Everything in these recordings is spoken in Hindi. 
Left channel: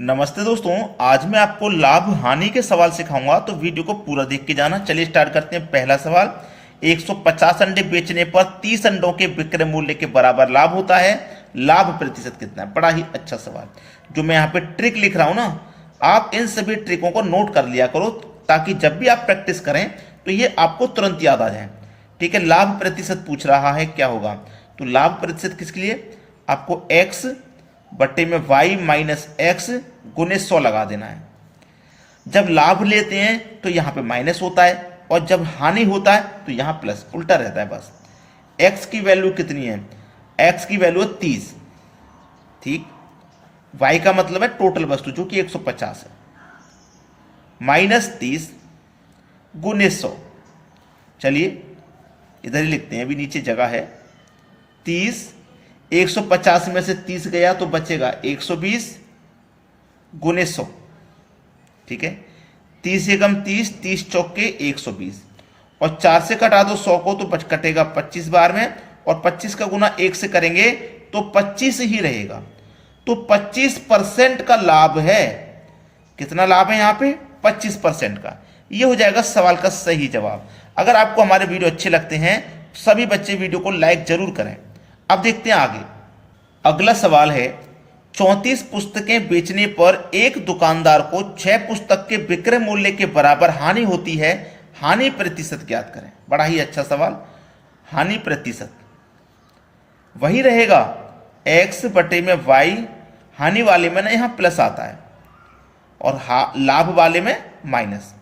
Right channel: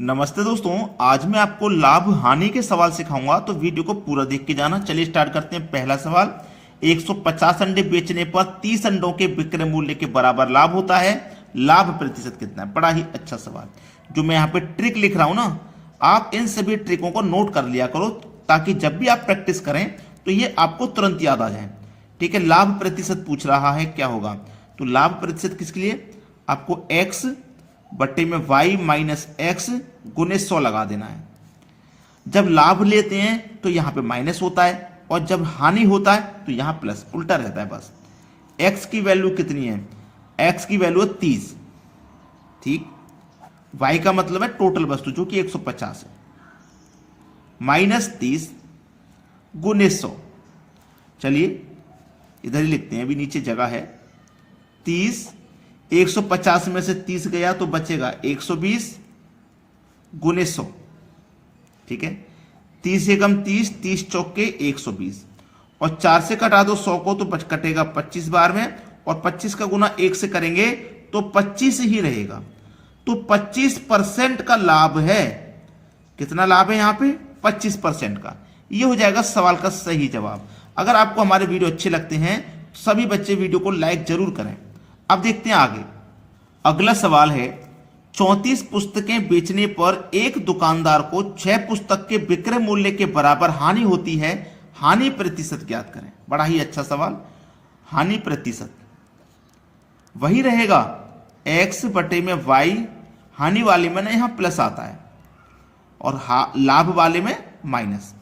नमस्ते दोस्तों, आज मैं आपको लाभ हानि के सवाल सिखाऊंगा, तो वीडियो को पूरा देख के जाना। चलिए स्टार्ट करते हैं। पहला सवाल, 150 अंडे बेचने पर 30 अंडों के विक्रय मूल्य के बराबर लाभ होता है, लाभ प्रतिशत कितना है। बड़ा ही अच्छा सवाल। जो मैं यहाँ पे ट्रिक लिख रहा हूं ना, आप इन सभी ट्रिकों को नोट कर लिया करो, ताकि जब भी आप प्रैक्टिस करें तो ये आपको तुरंत याद आ जाए। ठीक है, लाभ प्रतिशत पूछ रहा है, क्या होगा? तो लाभ प्रतिशत किसके लिए? आपको x बट्टे में y माइनस एक्स गुने 100 लगा देना है। जब लाभ लेते हैं तो यहां पे माइनस होता है, और जब हानि होता है तो यहां प्लस, उल्टा रहता है बस। x की वैल्यू कितनी है? x की वैल्यू है 30। ठीक, y का मतलब है टोटल वस्तु जो कि 150 है, माइनस 30 गुने 100। चलिए इधर ही लिखते हैं, अभी नीचे जगह है। 30, 150 में से 30 गया तो बचेगा 120 गुने 100। ठीक है, 30 एकम 30, 30 चौके 120, और 4 से कटा दो 100 को तो कटेगा 25 बार में, और 25 का गुना 1 से करेंगे तो 25 ही रहेगा। तो 25% का लाभ है। कितना लाभ है यहाँ पे? 25% का। ये हो जाएगा सवाल का सही जवाब। अगर आपको हमारे वीडियो अच्छे लगते हैं, सभी बच्चे वीडियो को लाइक जरूर करें। अब देखते हैं आगे। अगला सवाल है, 34 पुस्तकें बेचने पर एक दुकानदार को 6 पुस्तक के विक्रय मूल्य के बराबर हानि होती है, हानि प्रतिशत ज्ञात करें। बड़ा ही अच्छा सवाल। हानि प्रतिशत वही रहेगा, x बटे में y। हानि वाले में ना यहां प्लस आता है, और लाभ वाले में माइनस।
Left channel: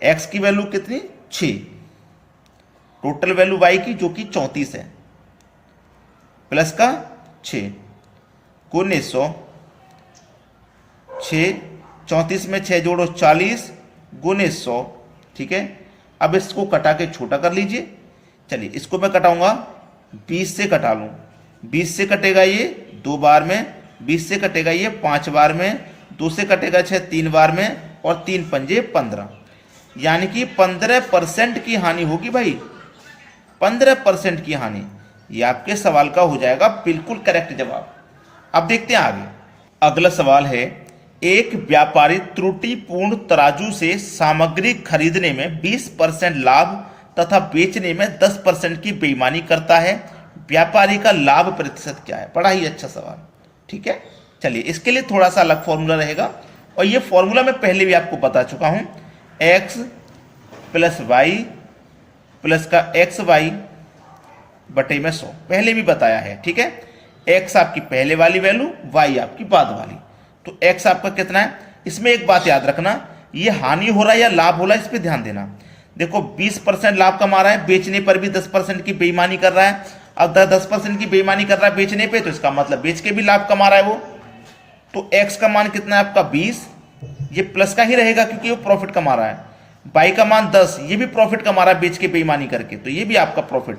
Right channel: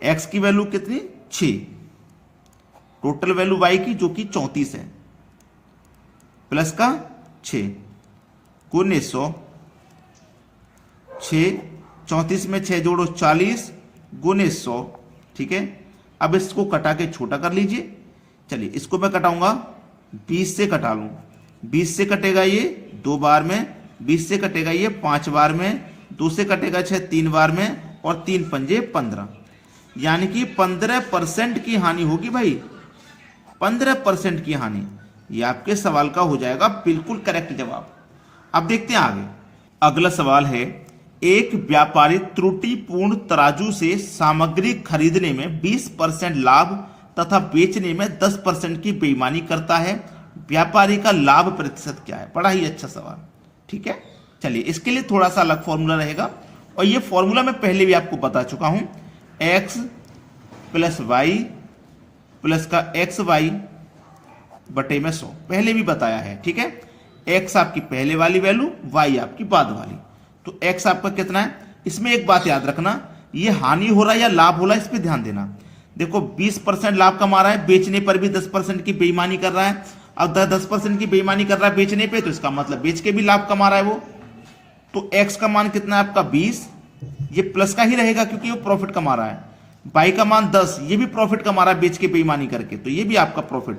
x की वैल्यू कितनी? 6। टोटल वैल्यू y की जो कि 34 है, प्लस का 6 गुने 100। 6, 34 में 6 जोड़ो 40 गुने 100। ठीक है, अब इसको कटा के छोटा कर लीजिए। चलिए इसको मैं कटाऊंगा, 20 से कटा लूं। 20 से कटेगा ये 2 बार में, 20 से कटेगा ये 5 बार में, 2 से कटेगा 6 3 बार में, और 3 पंजे 15। यानी कि 15% की हानि होगी भाई, 15% की हानि। ये आपके सवाल का हो जाएगा बिल्कुल करेक्ट जवाब। अब देखते हैं आगे। अगला सवाल है, एक व्यापारी त्रुटिपूर्ण तराजू से सामग्री खरीदने में 20% लाभ तथा बेचने में 10% की बेईमानी करता है, व्यापारी का लाभ प्रतिशत क्या है? बड़ा ही अच्छा सवाल। ठीक है, चलिए इसके लिए थोड़ा सा अलग फॉर्मूला रहेगा, और ये फॉर्मूला मैं पहले भी आपको बता चुका हूं। x प्लस वाई प्लस का एक्स वाई बटे में 100 पहले भी बताया है। ठीक है, x आपकी पहले वाली वैल्यू, y आपकी बाद वाली। तो x आपका कितना है? इसमें एक बात याद रखना, ये हानि हो रहा है या लाभ हो रहा है, इस पे ध्यान देना। देखो 20% लाभ कमा रहा है, बेचने पर भी 10% की बेईमानी कर रहा है। अब 10% की बेईमानी कर रहा है बेचने पे, तो इसका मतलब बेच के भी लाभ कमा रहा है वो। तो x का मान कितना है आपका? 20। ये प्लस का ही रहेगा क्योंकि वो प्रॉफिट कमा रहा है। y का मान 10, ये भी प्रॉफिट कमा रहा है बेच के बेईमानी करके, तो ये भी आपका profit.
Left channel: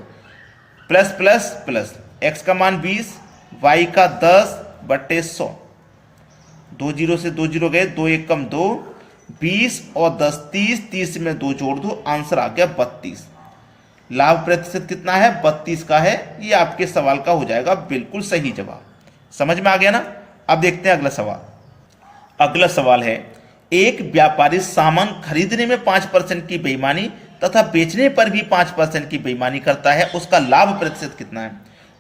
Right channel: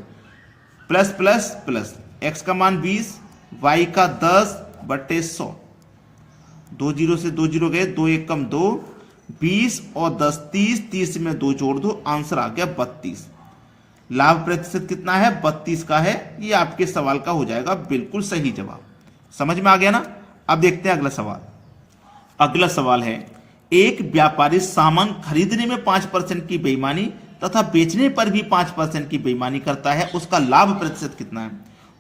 Plus plus plus, x का मान 20, y का 10 बटे 100। 2 जीरो से 2 जीरो गए, 2 एक कम 2, 20 और 10 30, 30 में 2 जोड़ दो, आंसर आ गया 32। लाभ प्रतिशत कितना है? 32 का है। ये आपके सवाल का हो जाएगा बिल्कुल सही जवाब। समझ में आ गया ना? अब देखते हैं अगला सवाल। अगला सवाल है, एक व्यापारी सामान खरीदने में 5% की बेईमानी तथा बेचने पर भी 5% की बेईमानी करता है, उसका लाभ प्रतिशत कितना है?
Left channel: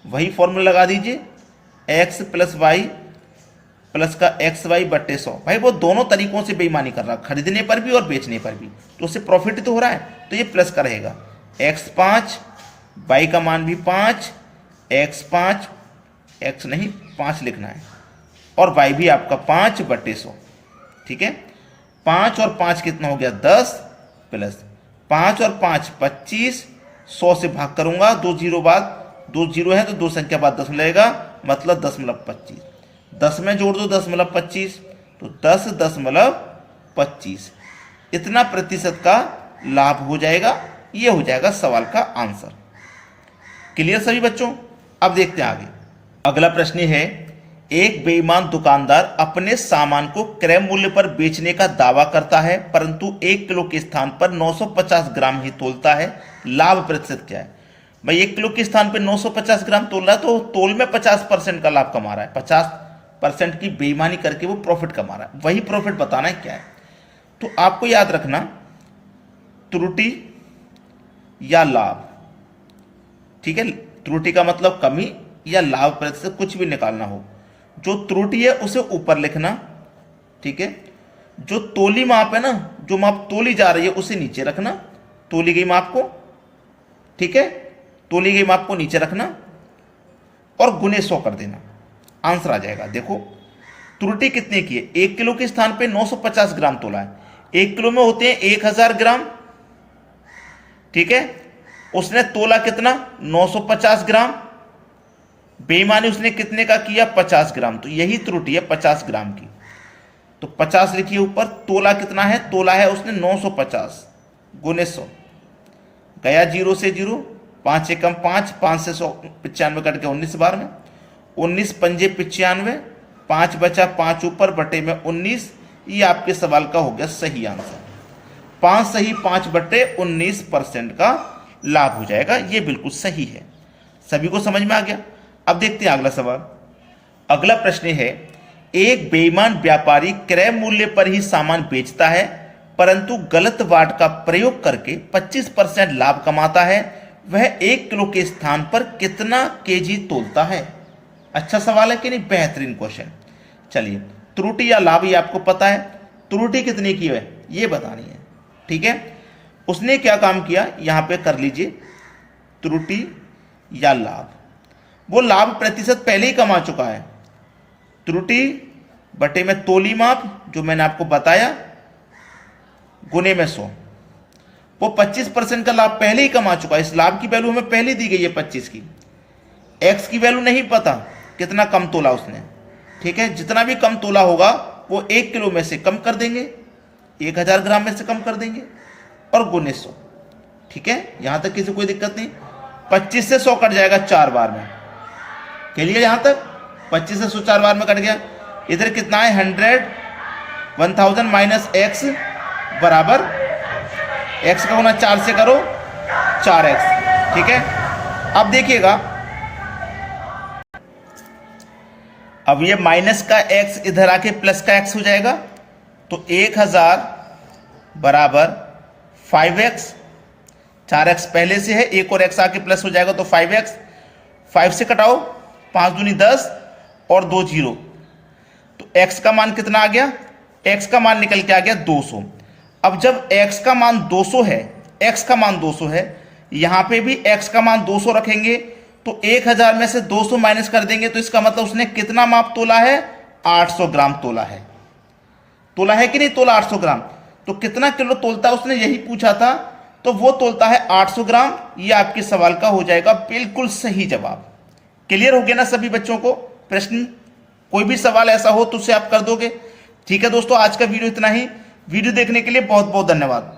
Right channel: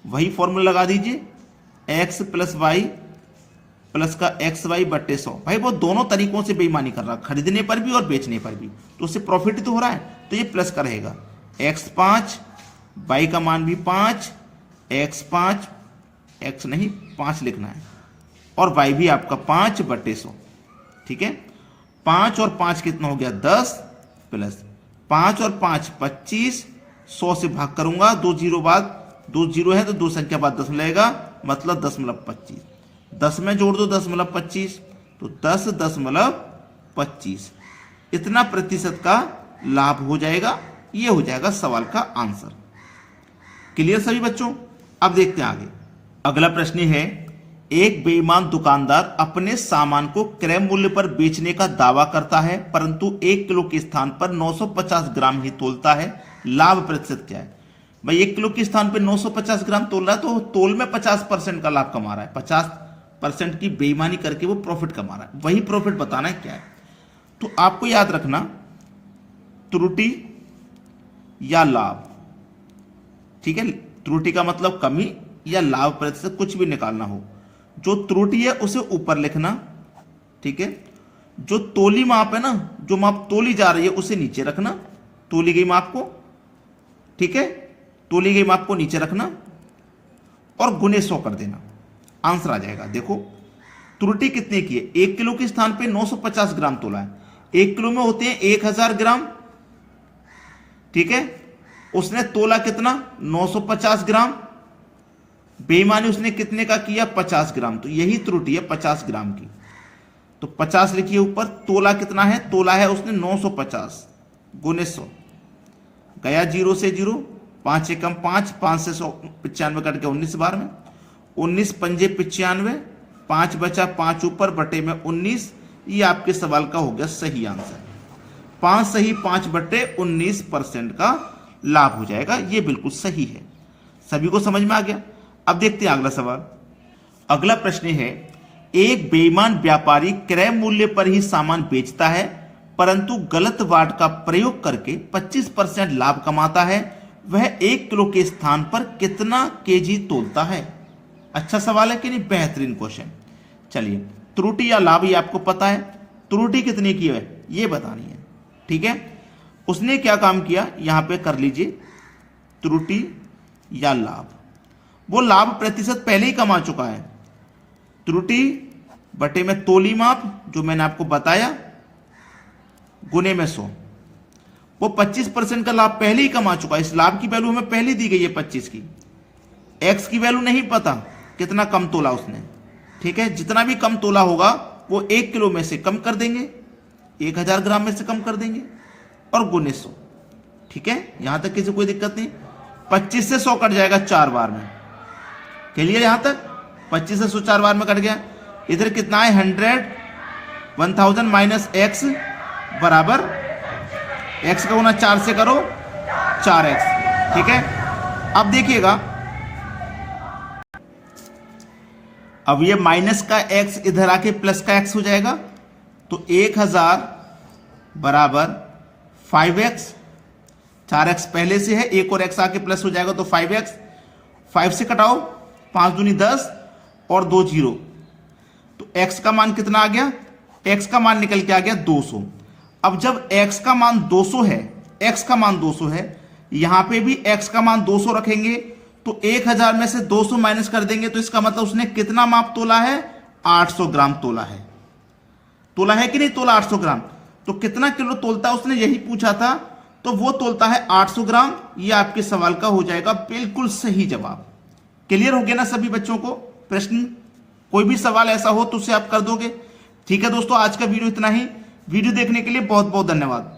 वही फॉर्मूला लगा दीजिए, x प्लस वाई प्लस का एक्स वाई बट्टे 100। भाई वो दोनों तरीकों से बेईमानी कर रहा है, खरीदने पर भी और बेचने पर भी, तो उससे प्रॉफिट तो हो रहा है, तो ये प्लस का रहेगा। x 5, y का मान भी 5, x 5, x नहीं 5 लिखना है, और y भी आपका 5 बट्टे 100। ठीक है, 5 और 5 कितना हो गया? 10, प्लस 5 और 5 25, 100 से भाग करूंगा, 2 जीरो बाद, 2 जीरो है तो 2 संख्या बाद 10 लगेगा, मतलब 10.25। 10 में जोड़ दो 10.25, तो 10.25। इतना प्रतिशत का लाभ हो जाएगा। ये हो जाएगा सवाल का आंसर। क्लियर सभी बच्चों? अब देखते हैं आगे। अगला प्रश्न है, एक बेईमान दुकानदार अपने सामान को क्रय मूल्य पर बेचने का दावा करता है, परंतु 1 किलो के स्थान पर 950 ग्राम ही तोलता है, लाभ प्रतिशत क्या है? भाई 1 किलो के स्थान पर 950 ग्राम तोल रहा है, तो तोल में 50% का लाभ कमा रहा है। 50 परसेंट की बेईमानी करके वो प्रॉफिट कमा रहा है, वही प्रॉफिट बताना है क्या है। तो आपको याद रखना, त्रुटि या लाभ, ठीक है, त्रुटि का मतलब कमी या लाभ प्रतिशत कुछ भी निकालना हो, जो त्रुटि है उसे ऊपर लिखना, ठीक है, जो तोली माप है ना, जो माप तोली जा रही है उसे नीचे रखना, तोली गई माप को, ठीक है, तोली गई माप को नीचे रखना और गुने 100 कर देना, आंसर आ जाएगा। देखो त्रुटि कितने की है, 1 किलो के स्थान पे 950 ग्राम तोला है, 1 किलो में होते हैं 1000 ग्राम, ठीक है, उसने तोला कितना 950 ग्राम, बेईमानी उसने कितने का किया 50 ग्राम, तो यही त्रुटि है 50 ग्राम की। तो 50 लिखिए ऊपर, तोला कितना है, तोला है उसने 950 गुने 100, गया 0 से 0, 5 एकम 5, 5 से 100 95 कट के 19 बार में, 19 पंजे 95, 5 बचा 5 ऊपर बटे में 19, ये आपके सवाल का हो गया सही आंसर। 5 सही 5 बटे 19% का लाभ हो जाएगा, ये बिल्कुल सही है। सभी को समझ में आ गया। अब देखते हैं अगला सवाल। अगला प्रश्न है, एक बेईमान व्यापारी क्रय मूल्य पर ही सामान बेचता है परंतु गलत वाट का प्रयोग करके 25% लाभ कमाता है, वह 1 किलो के स्थान पर कितना केजी तोलता है। अच्छा सवाल है कि नहीं, बेहतरीन क्वेश्चन। चलिए, त्रुटि या लाभ ये आपको पता है, त्रुटि कितनी की है ये बतानी है, ठीक है। उसने क्या काम किया, यहां पे कर लीजिए, त्रुटि या लाभ, वो लाभ प्रतिशत पहले ही कमा चुका है, त्रुटि बटे में तोली माप जो मैंने आपको बताया गुने में 100, वो 25% का लाभ पहले ही कमा चुका है। इस लाभ की वैल्यू हमें पहले दी गई है 25 की, एक्स की वैल्यू नहीं पता कितना कम तोला उसने, ठीक है, जितना भी कम तोला होगा वो 1 किलो में से कम कर देंगे, 1000 ग्राम में से कम कर देंगे और गुने 100, ठीक है, यहां तक किसी कोई दिक्कत नहीं। 25 से 100 कट जाएगा 4 बार में, क्लियर, यहां तक 25 से 100 4 बार में कट गया। इधर कितना है 100, 1000 माइनस एक्स बराबर, एक्स का गुना 4 से करो 4x, ठीक है। अब देखिएगा, अब ये माइनस का x इधर आके प्लस का x हो जाएगा, तो 1000 बराबर 5x, 4x पहले से है, एक और x आके प्लस हो जाएगा तो 5x, 5 से कटाओ 5 दूनी 10 और 2 0, तो x का मान कितना आ गया, x का मान निकल के आ गया 200। अब जब x का मान 200 है, x का मान 200 है, यहां पे भी x का मान 200 रखेंगे, तो 1000 में से 200 माइनस कर देंगे, तो इसका मतलब उसने कितना माप तोला है, 800 ग्राम तोला है, तोला है कि नहीं तोला 800 ग्राम। तो कितना किलो तोलता है उसने यही पूछा था, तो वो तोलता है 800 ग्राम, ये आपके सवाल का हो जाएगा बिल्कुल सही जवाब। क्लियर हो गया ना सभी बच्चों को प्रश्न, कोई भी सवाल ऐसा हो तो उसे आप कर दोगे, ठीक है दोस्तों। आज का वीडियो इतना ही, वीडियो देखने के लिए बहुत बहुत धन्यवाद।